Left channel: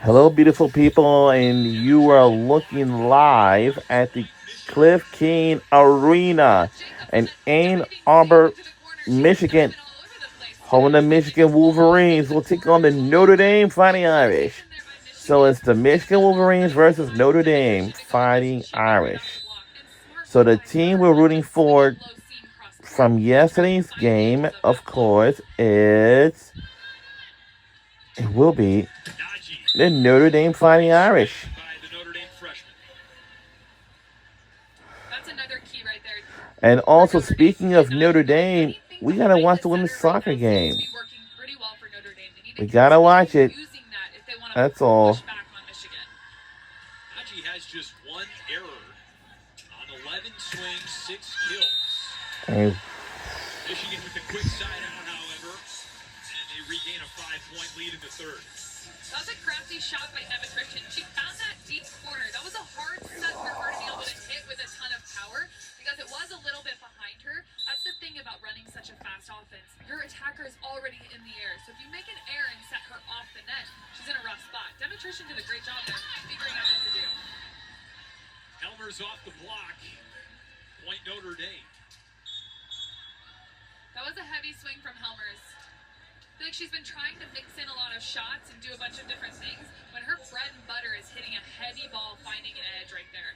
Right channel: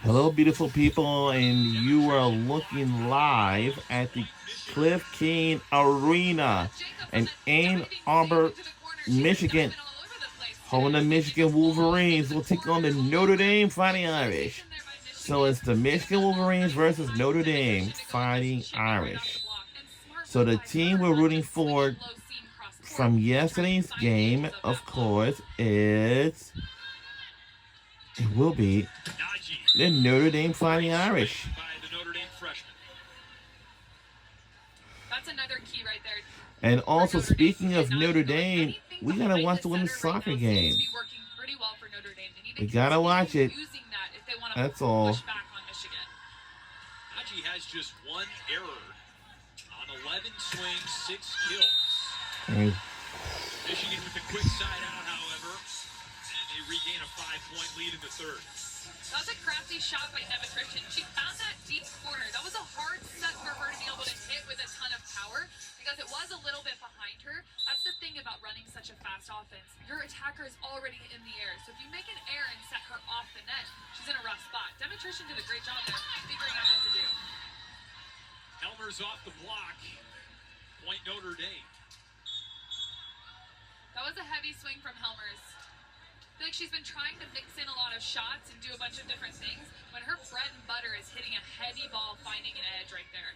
Hello, beautiful people, and you are looking live at the Cliff King Arena in Ann Arbor, Michigan. Home of the Michigan Wolverines will take on the Notre Dame Fighting Irish. So it's the Michigan Wolverines versus Notre Dame Fighting Irish. So the team we're rooting for from yesterday's game, of course, it will be the Notre Dame Fighting Irish. That's another key right there. And also, speaking of Notre Dame, we gotta watch the women's soccer game. We gotta watch it. That's all. Najee has just one error on 11 swings, 6 kills. Michigan with the quick side out, however, and they regain a 5-point lead in the third. That was a crafty shot by Demetrition. She found that deep corner. That was a hard set for her to be able to hit with a ton of power because it was a little bit behind her. That's the thing about running such a fast offense. Your attacker is already in the air. So if you make an error and set her off the net, she's in a rough spot. Demetrition did a great job there figuring out what to do. Helmer's off the block. Point Notre Dame. That was a heavy swing from Helmers. I feel like she's been trying to mix in a lot of shots and do a bunch of different things when her bread and butter is hitting a heavy ball, finding an edge right there.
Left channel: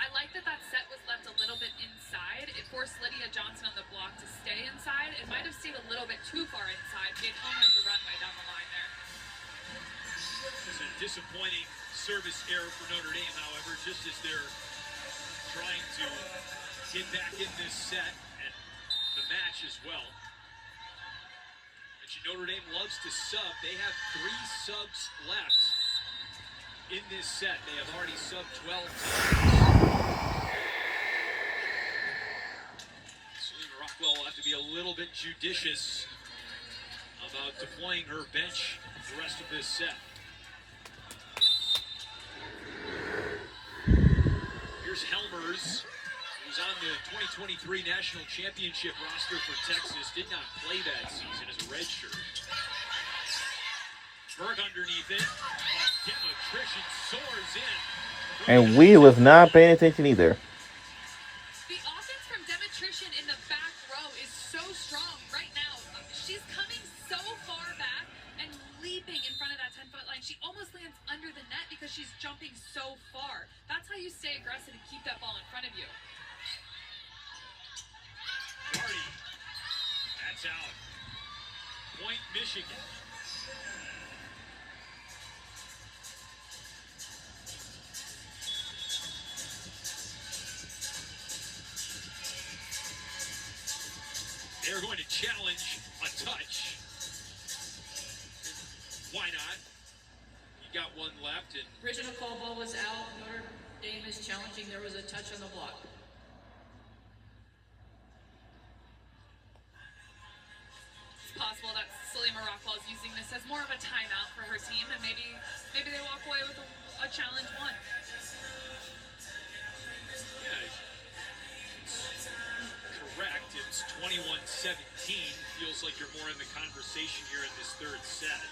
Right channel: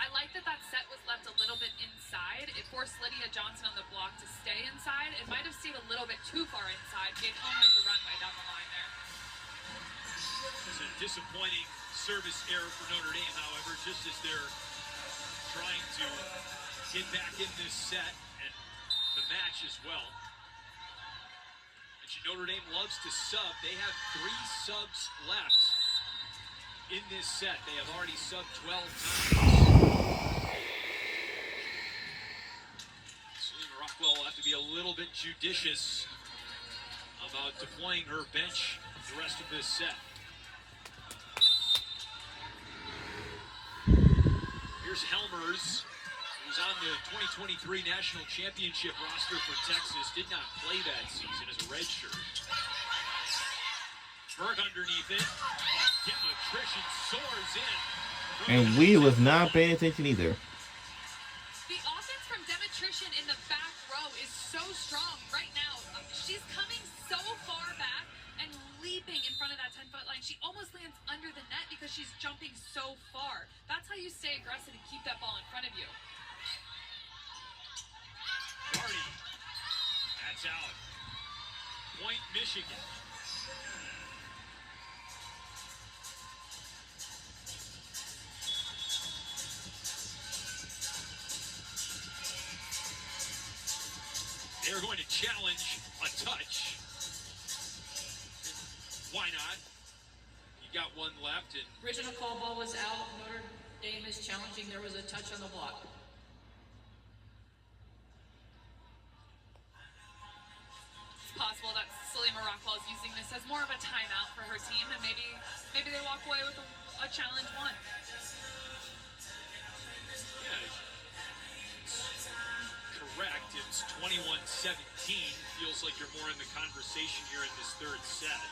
I like that that set was left a little bit inside. It forced Lydia Johnson on the block to stay inside. It might have stayed a little bit too far inside. Gave Helmers the runway down the line there. It's a disappointing service error for Notre Dame, however, just as they're trying to get back in this set and the match as well. Notre Dame loves to sub. They have 3 subs left in this set. They have already subbed 12 times. Selena Rockwell will have to be a little bit judicious about deploying her bench the rest of this set. Here's Helmers, who's on the 2023 National Championship roster for Texas, did not play that season as a redshirt. Berg underneath it. Demetrition soars in. And we was not paying attention either. The offense from Demetrition in the back row is so strong right now. She's coming so far back and leaping in front of that 10-foot line. She almost lands under the net because she's jumping so far. That's how you stay aggressive and keep that ball in front of you. Gardy. That's out. Point Michigan. They're going to challenge a touch. Why not? You got one left. And original call ball was out. Notre Dame is challenging. There was a touch on the block. Possible that Selena Rockwell is using this as more of a timeout for her team, and maybe they walk away with a challenge won. Yeah, correct. It's 21-17. Feels like you're more in the conversation here in this third set.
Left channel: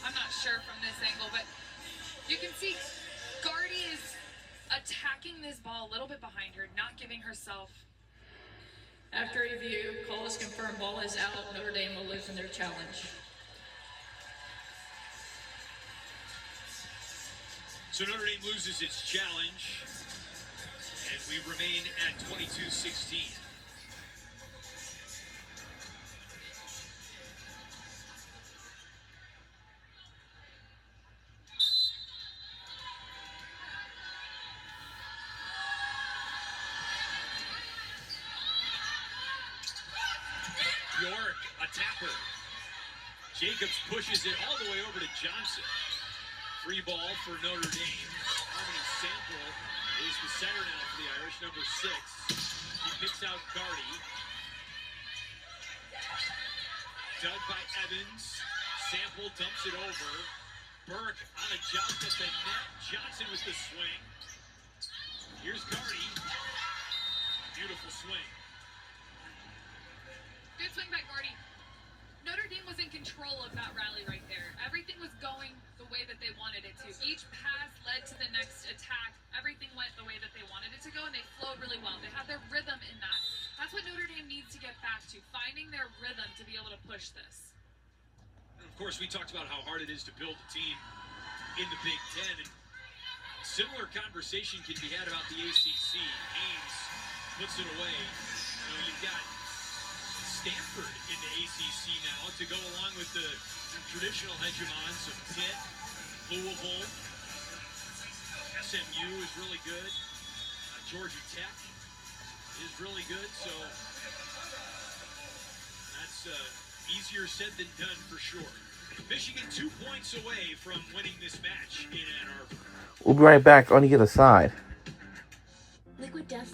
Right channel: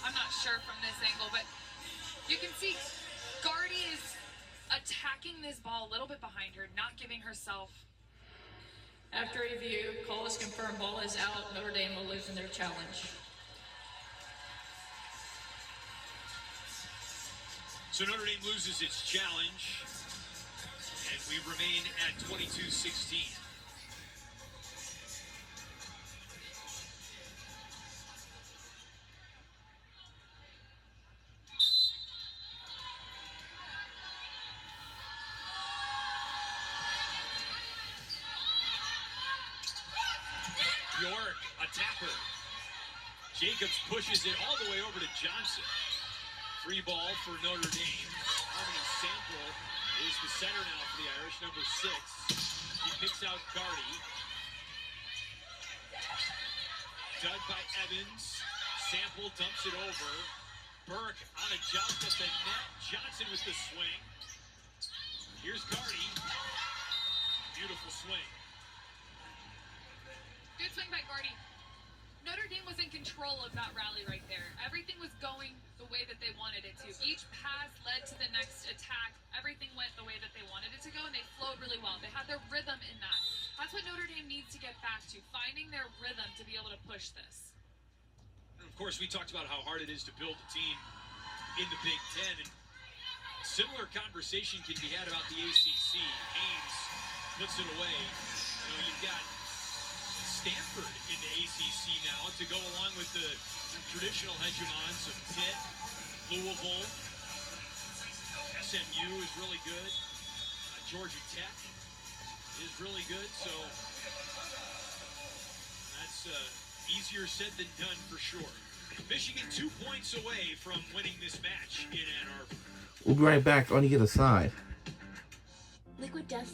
I'm not sure from this angle, but you can see Gardy is attacking this ball a little bit behind her, not giving herself. After review, call is confirmed, ball is out. Notre Dame will lose in their challenge. So Notre Dame loses its challenge, and we remain at 22-16. York, a tapper. Jacobs pushes it all the way over to Johnson. Free ball for Notre Dame. Harmony Sample is the center now for the Irish, number 6. He picks out Gardy. Dug by Evans. Sample dumps it over. Burke on a jump at the net. Johnson with the swing. Here's Gardy. flowed really well. They had their rhythm in that. That's what Notre Dame needs to get back to, finding their rhythm to be able to push this. And of course, we talked about how hard it is to build a team in the Big Ten, and similar conversation can be had about the ACC. Haynes puts it away. You know, you've got Stanford in the ACC now to go along with the traditional hegemons of Pitt, Louisville. SMU is really good. Georgia Tech is really good. So that's easier said than done for sure. Michigan 2 points away from winning this match in Ann Arbor. We'll be right back on the other side. Liquid Death